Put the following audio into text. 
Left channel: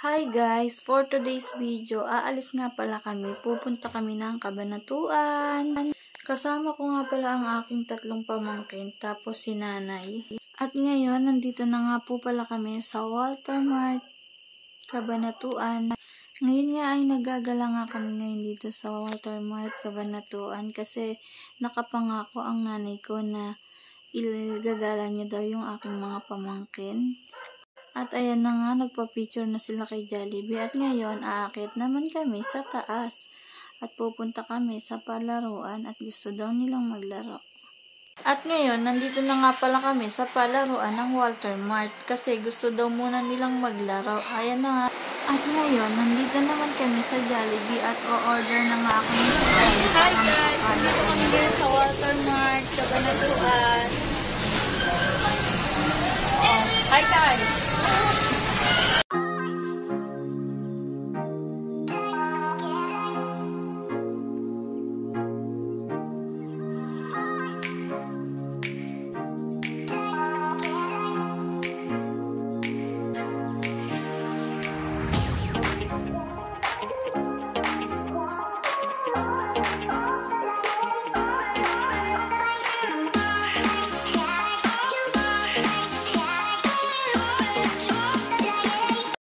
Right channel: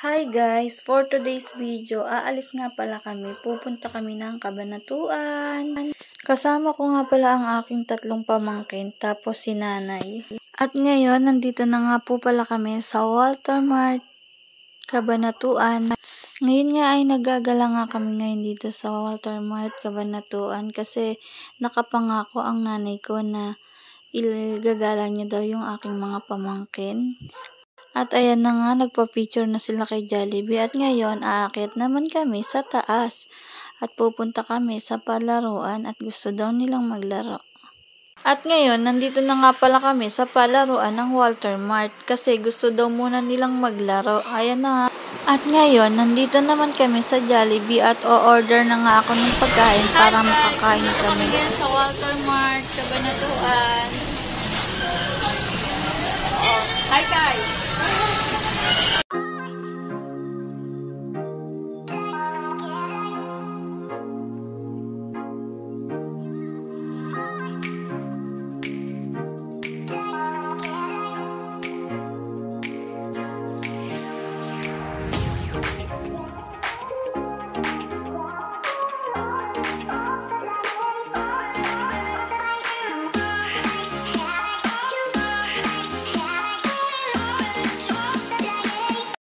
Hi guys! For today's video, aalis nga pala kami. Pupunta kami ng Cabanatuan. Kasama ko nga pala ang aking tatlong pamangkin, tapos si nanay. At ngayon, nandito na nga po pala kami sa Walter Mart, Cabanatuan. Ngayon nga ay nagagala nga kami ngayon dito sa Walter Mart, Cabanatuan kasi nakapangako ang nanay ko na igagala niya daw yung aking mga pamangkin. At ayan na nga, nagpa-picture na sila kay Jollibee. At ngayon, aakyat naman kami sa taas. At pupunta kami sa palaruan at gusto daw nilang maglaro. At ngayon, nandito na nga pala kami sa palaruan ng Walter Mart. Kasi gusto daw muna nilang maglaro. Ayan na nga. At ngayon, nandito naman kami sa Jollibee at o-order na nga ako ng pagkain para makakain kami. Ngayon sa Walter Mart, Cabanatuan. Hi guys!